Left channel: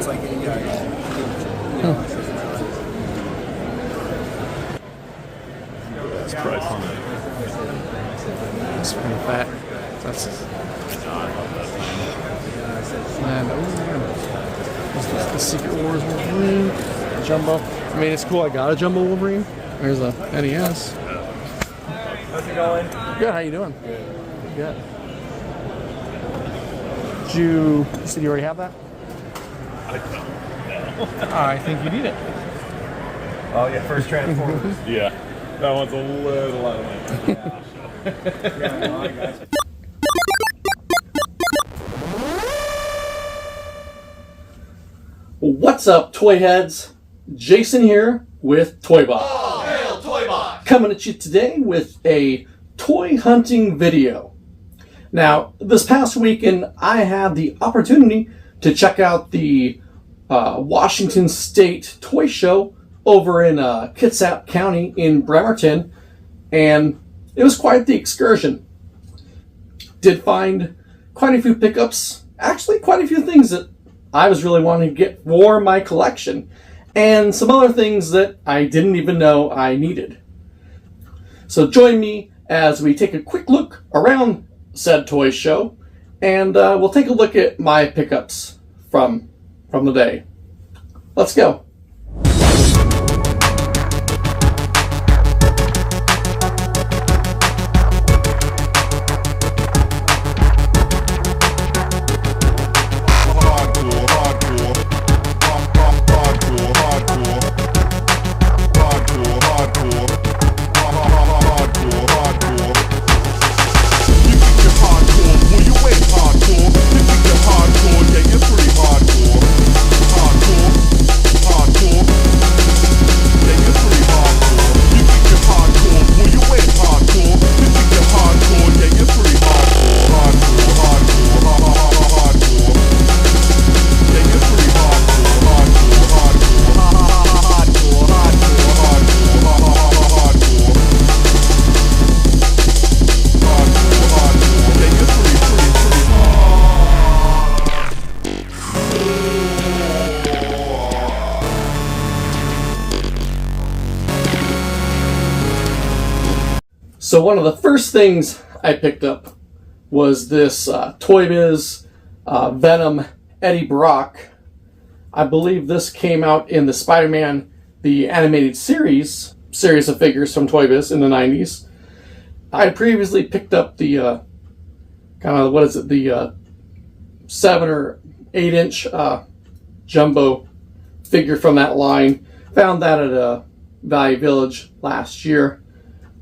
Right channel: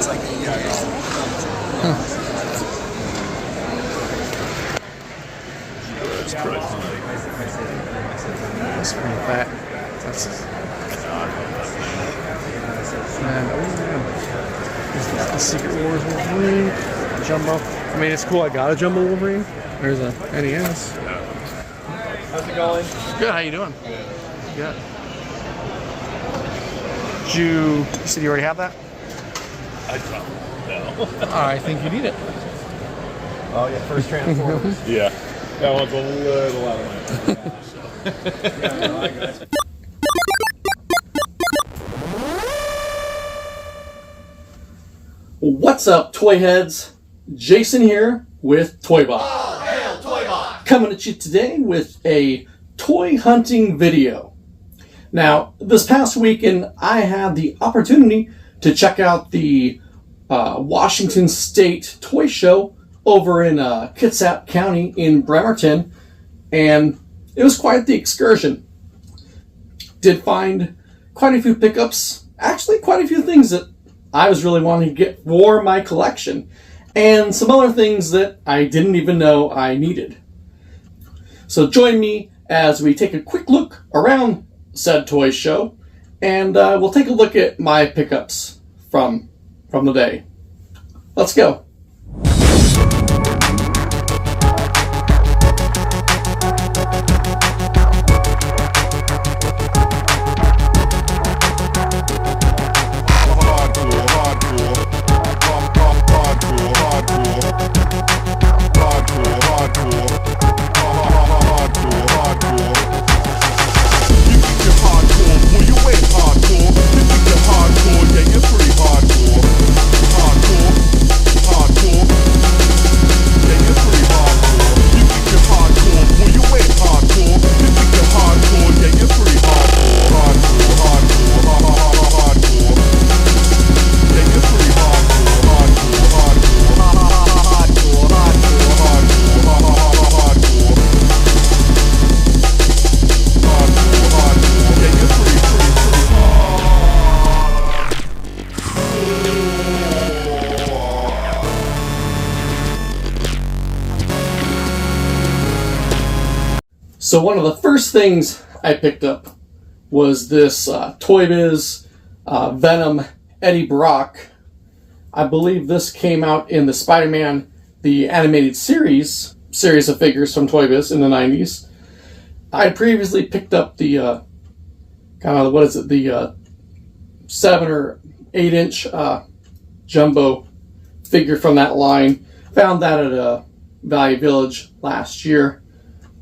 That's pretty funny. That's pretty fat. That's man. Oh man. This is the Secret Wars Wolverine Jumbo. I mean, it's cool. I got a Jumbo Wolverine. There's a NES. How's it going? Good. How you doing? Good. You said you already have that? I think you need it. Oh yeah, first Transformers. Yeah, that one's a little out of my What's up, toy heads? Jason here with ToyBot. Oh, hail ToyBot! Coming at you today with a toy hunting video. Now, this past weekend, I had the opportunity to check out the Washington State Toy Show over in Kitsap County in Bremerton, and it was quite the excursion. Did find quite a few pickups, actually quite a few things that I was really wanting to get for my collection, and some other things that I didn't even know I needed. So join me as we take a quick look around said toy show, and we'll take a look at my pickups from the day. Let's go. So one of the first things I picked up was this ToyBiz Venom Eddie Brock. I believe this came out in the Spider-Man the animated series of figures from ToyBiz in the 90s. I had previously picked up the the 7 or 8 inch jumbo figure from that line. Found that at Value Village last year.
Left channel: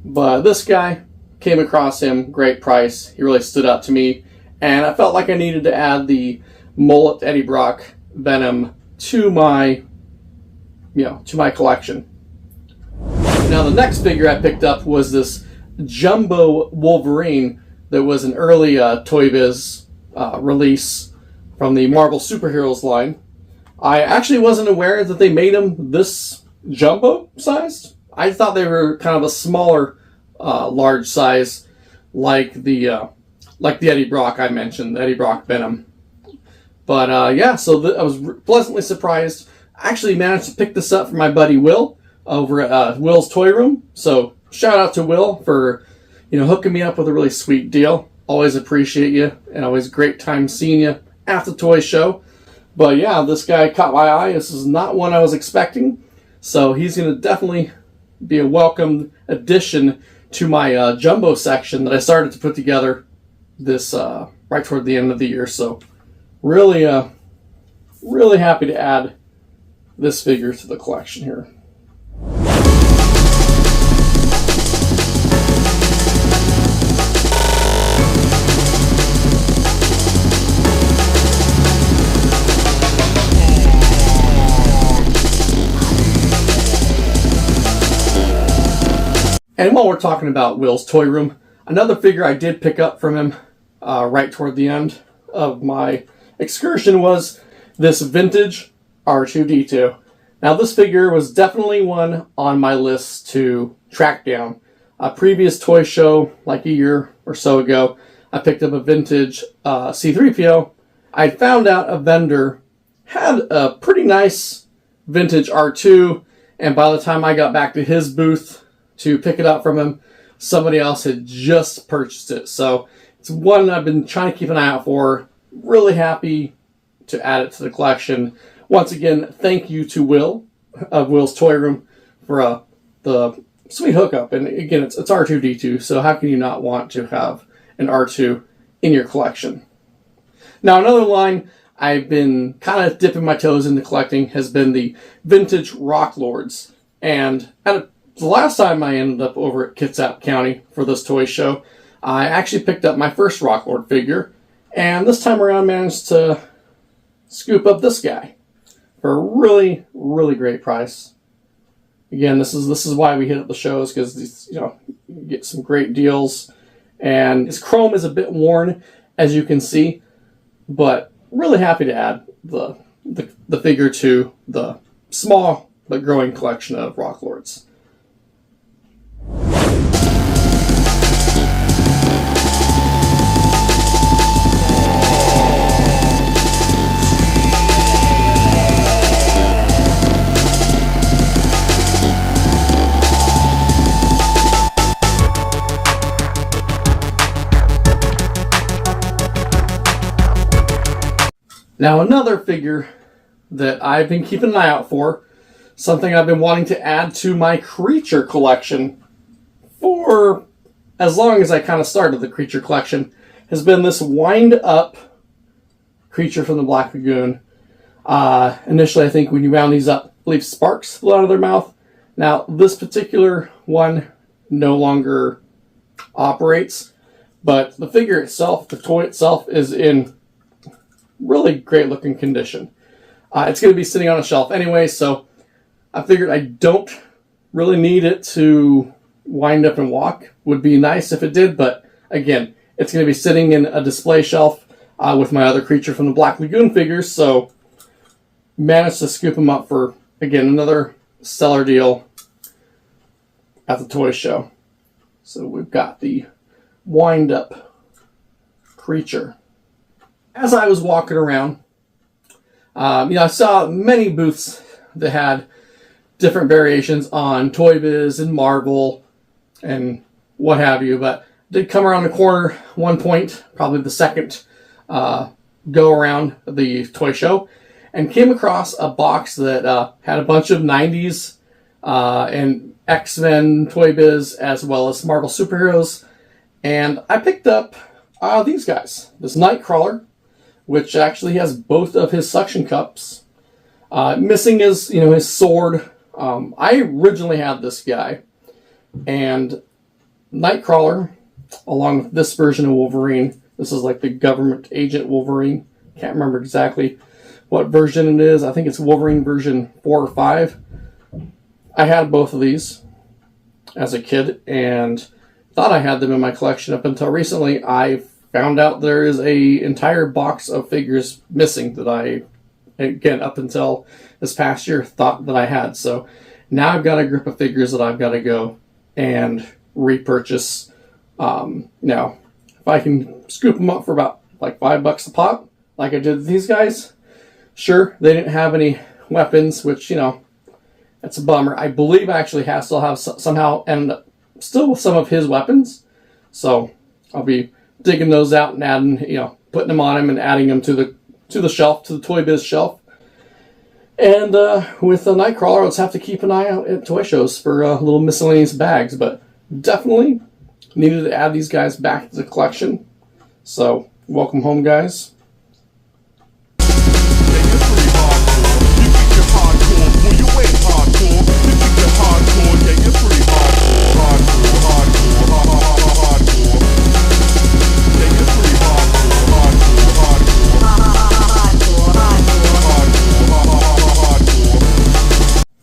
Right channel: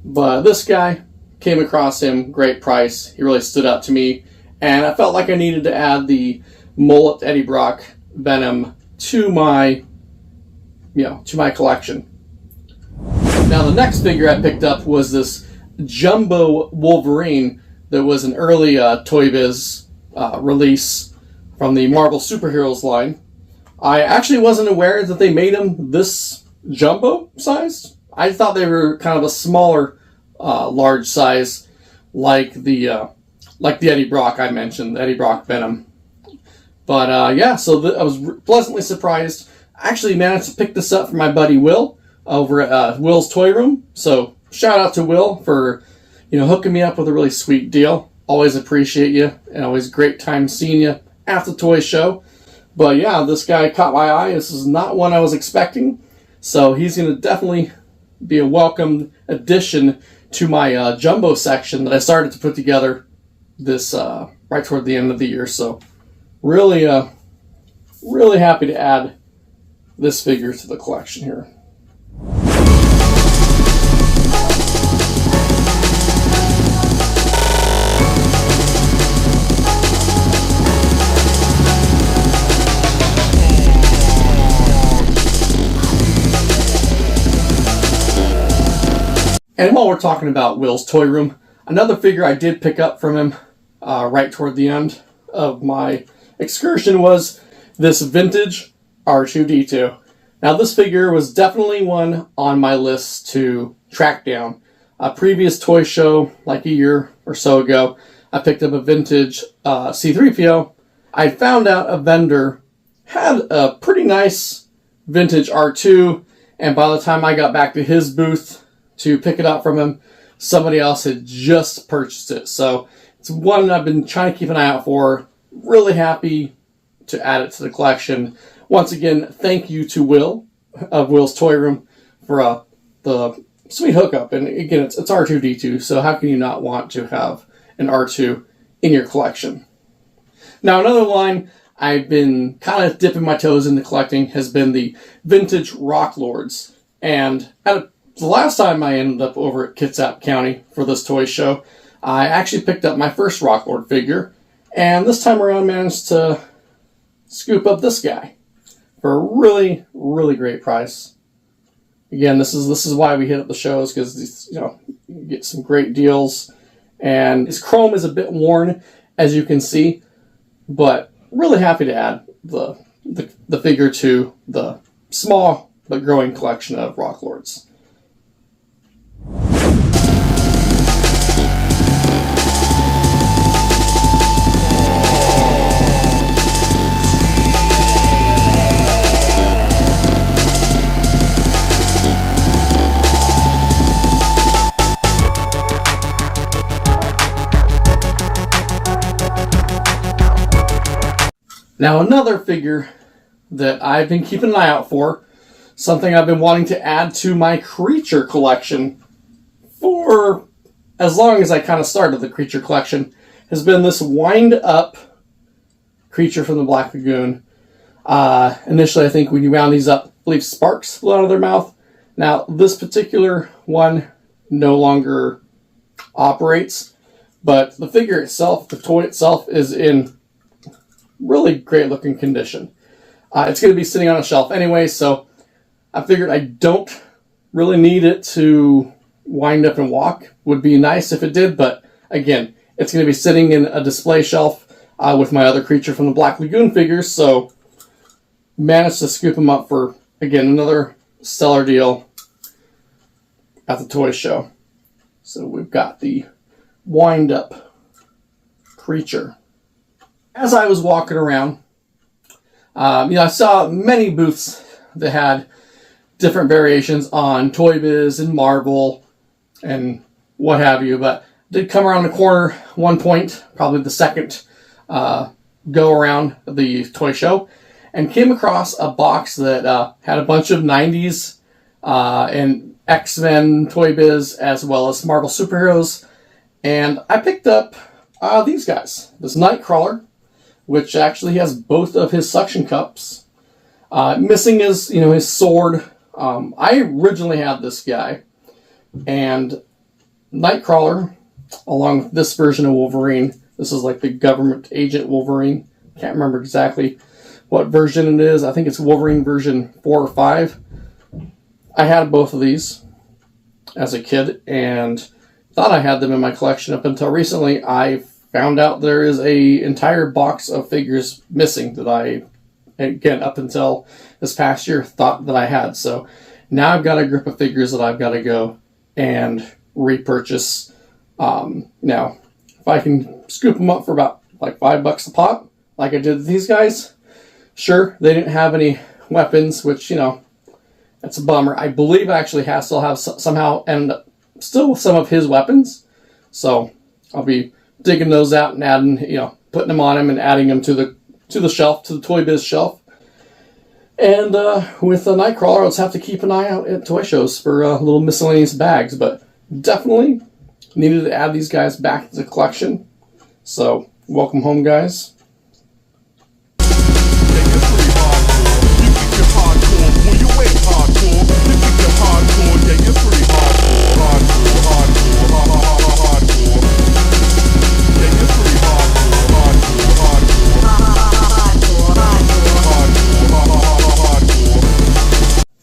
But this guy, came across him, great price. He really stood out to me, and I felt like I needed to add the mullet Eddie Brock Venom to my collection. Now the next figure I picked up was this Jumbo Wolverine that was an early ToyBiz release from the Marvel Superheroes line. I actually wasn't aware that they made him this jumbo sized. I thought they were kind of a smaller, large size, like the Eddie Brock I mentioned, the Eddie Brock Venom. But yeah, so I was pleasantly surprised. I actually managed to pick this up for my buddy Will over at Will's Toy Room. So shout out to Will for hooking me up with a really sweet deal. Always appreciate you, and always a great time seeing you at the toy show. But yeah, this guy caught my eye. This is not one I was expecting, so he's going to definitely be a welcome addition to my jumbo section that I started to put together this right toward the end of the year. So really happy to add this figure to the collection here. And while we're talking about Will's Toy Room, another figure I did pick up from him right toward the end of my excursion was this vintage R2-D2. Now this figure was definitely one on my list to track down. A previous toy show, like a year or so ago, I picked up a vintage C-3PO. I found out a vendor had a pretty nice vintage R2, and by the time I got back to his booth to pick it up from him, somebody else had just purchased it. So it's one I've been trying to keep an eye out for. Really happy to add it to the collection. Once again, thank you to Will of Will's Toy Room for the sweet hookup. And again, it's R2-D2, so how can you not want to have an R2 in your collection? Now, another line I've been kind of dipping my toes into collecting has been the vintage Rock Lords. And the last time I ended up over at Kitsap County for this toy show, I actually picked up my first Rock Lord figure, and this time around managed to scoop up this guy for a really, really great price. Again, this is why we hit up the shows, because you get some great deals. And his chrome is a bit worn, as you can see, but really happy to add the figure to the small but growing collection of Rock Lords. Now, another figure that I've been keeping an eye out for, something I've been wanting to add to my creature collection for as long as I kind of started the creature collection, has been this wind-up creature from the Black Lagoon. Initially, I think when you wound these up, I believe sparks flew out of their mouth. Now, this particular one no longer operates, but the figure itself, the toy itself, is in really great looking condition. It's going to be sitting on a shelf anyway, so I figured I don't really need it to wind up and walk. Would be nice if it did, but again, it's going to be sitting in a display shelf with my other creature from the Black Lagoon figures, so managed to scoop them up for, again, another stellar deal at the toy show. So we've got the wind-up creature. As I was walking around, I saw many booths that had different variations on Toy Biz and Marvel and what have you, but did come around the corner one point, probably the second go around the toy show, and came across a box that had a bunch of 90s and X-Men Toy Biz as well as Marvel superheroes, and I picked up these guys. This Nightcrawler, which actually has both of his suction cups. Missing is, his sword. I originally had this guy, and Nightcrawler, along with this version of Wolverine, this is like the government agent Wolverine. Can't remember exactly what version it is. I think it's Wolverine version 4 or 5. I had both of these as a kid, and thought I had them in my collection up until recently. I found out there is a entire box of figures missing that I, again, up until this past year, thought that I had. So now I've got a group of figures that I've got to go and repurchase. Now, if I can scoop them up for about like $5 a pop, like I did with these guys, sure, they didn't have any weapons, which, that's a bummer. I believe I actually still have somehow end up still with some of his weapons. So I'll be digging those out and adding, putting them on him and adding them to the shelf, to the Toy Biz shelf. And with the Nightcrawler, I'll just have to keep an eye out at toy shows for little miscellaneous bags. But definitely needed to add these guys back to the collection. So welcome home, guys.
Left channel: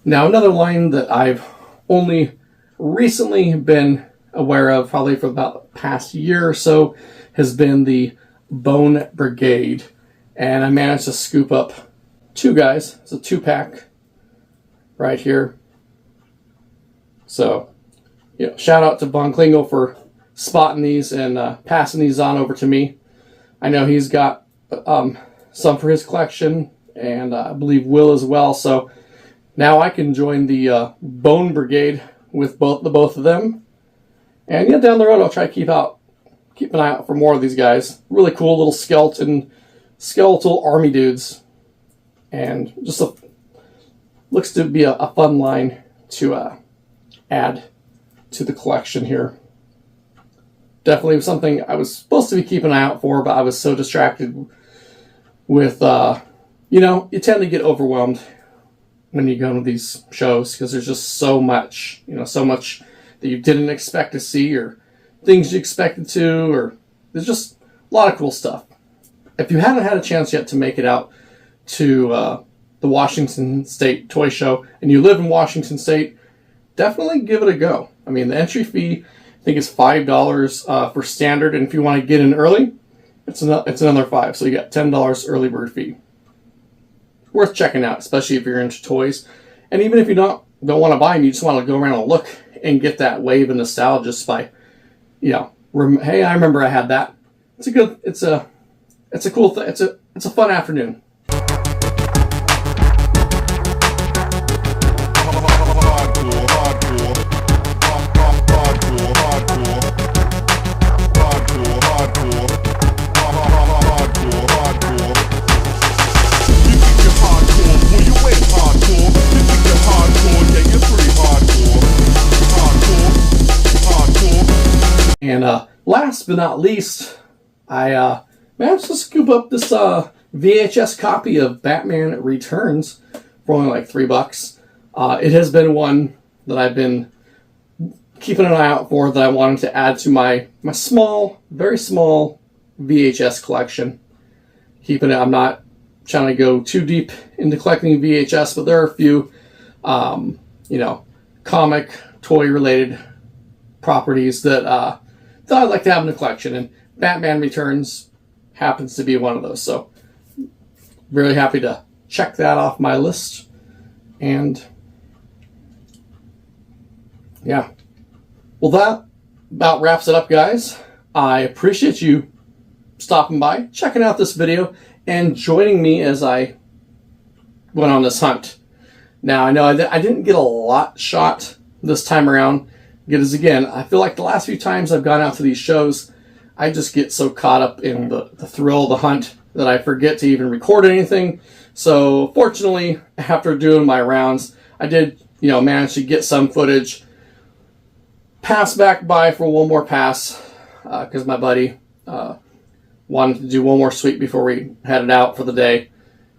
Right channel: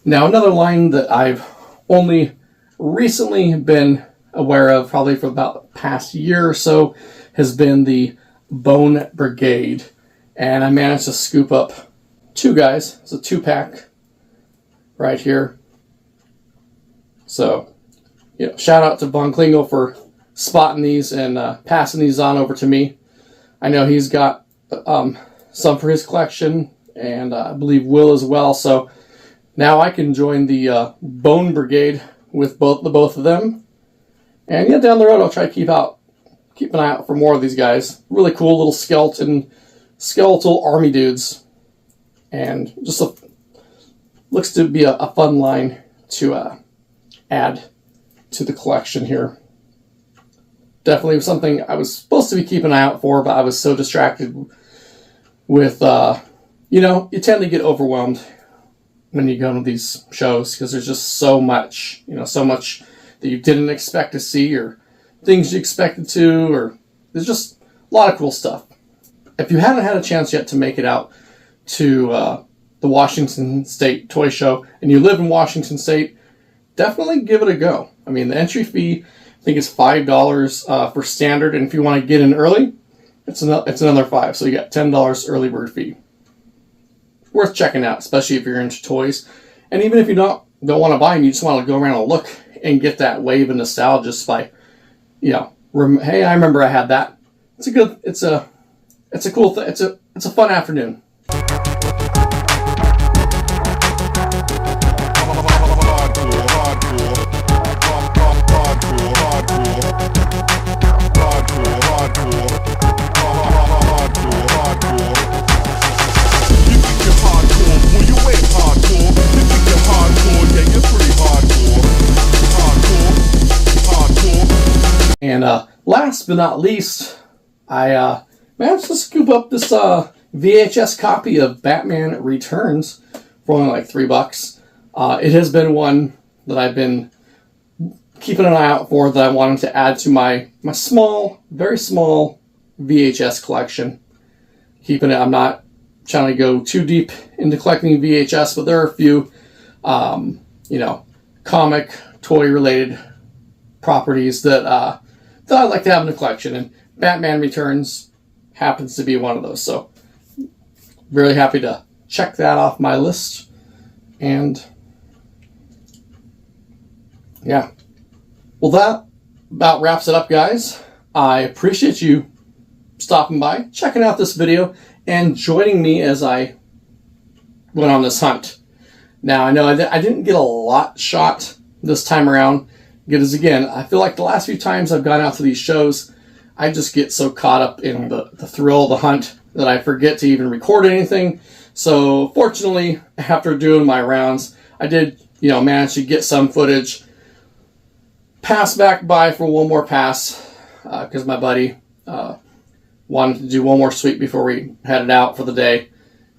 Now, another line that I've only recently been aware of, probably for about the past year or so, has been the Bone Brigade. And I managed to scoop up two guys. It's a 2-pack right here. So, shout out to Von Klingel for spotting these and passing these on over to me. I know he's got some for his collection, and I believe Will as well. So now I can join the Bone Brigade with both of them. And yeah, down the road I'll try to keep an eye out for more of these guys. Really cool little skeletal army dudes, and just looks to be a fun line to add to the collection here. Definitely something I was supposed to be keeping an eye out for, but I was so distracted with, you tend to get overwhelmed when you go to these shows because there's just so much, so much that you didn't expect to see or things you expected to, or there's just a lot of cool stuff. If you haven't had a chance yet to make it out to the Washington State Toy Show and you live in Washington State, definitely give it a go. I mean, the entry fee, I think, is $5 for standard, and if you want to get in early, it's another $5. So you got $10 early bird fee. Worth checking out, especially if you're into toys. And even if you don't want to buy them, you just want to go around and look and get that wave of nostalgia just by, hey, I remember I had that. It's a cool thing. It's a fun afternoon. And last but not least, I managed to scoop up this VHS copy of Batman Returns for only like $3. It has been one that I've been keeping an eye out for, that I wanted to add to my small, very small VHS collection. I'm not trying to go too deep into collecting VHS, but there are a few, comic, toy-related properties that I'd like to have in the collection, and Batman Returns happens to be one of those. So, really happy to check that off my list. And yeah, well, that about wraps it up, guys. I appreciate you stopping by, checking out this video, and joining me as I went on this hunt. Now, I know I didn't get a lot shot this time around, because again, I feel like the last few times I've gone out to these shows, I just get so caught up in the thrill of the hunt that I forget to even record anything. So fortunately, after doing my rounds, I did, manage to get some footage. Pass back by for one more pass, because my buddy wanted to do one more sweep before we headed out for the day.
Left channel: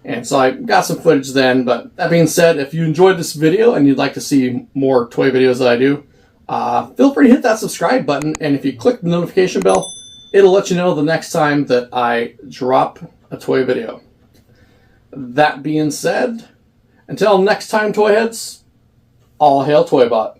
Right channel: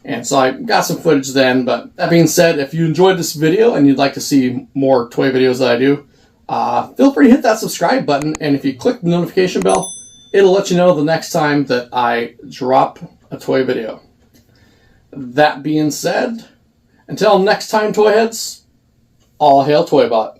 And so I got some footage then. But that being said, if you enjoyed this video and you'd like to see more toy videos that I do, feel free to hit that subscribe button. And if you click the notification bell, it'll let you know the next time that I drop a toy video. That being said, until next time, toy heads, all hail ToyBot.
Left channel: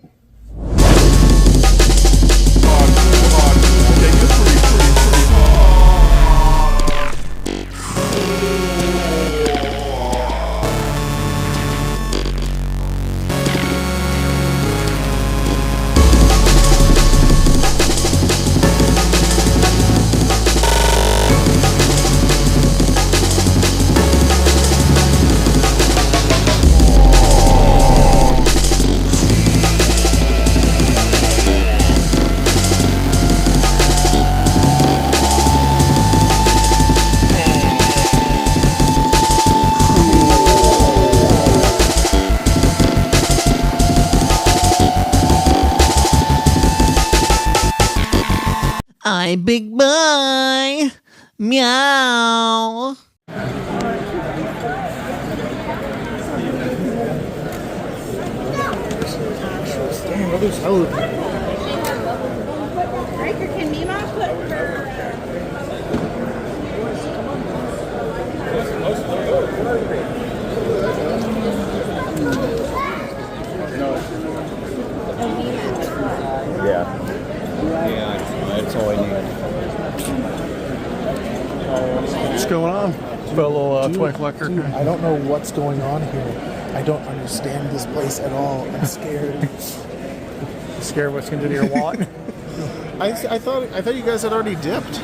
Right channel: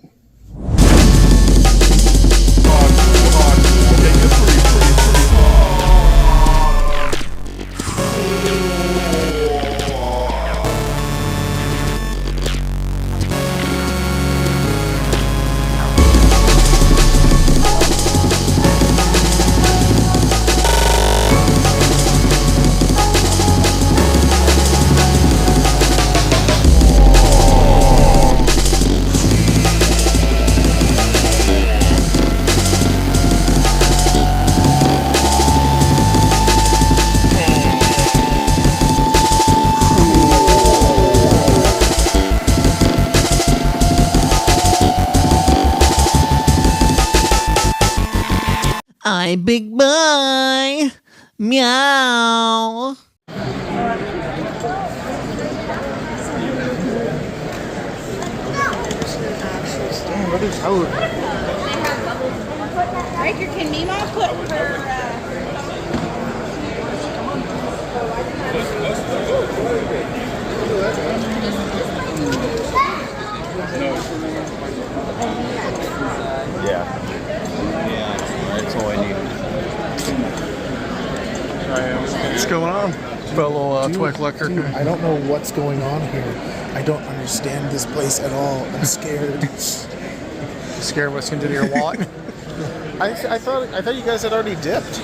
Hi, big boy. Meow. Riker, can Mima put That's all I need. What's going on, fellow toy collector? I don't know what's going on here. I don't understand this place at all. I'm scared. Scared what's going to do to your wallet? I thought you guys had already dipped.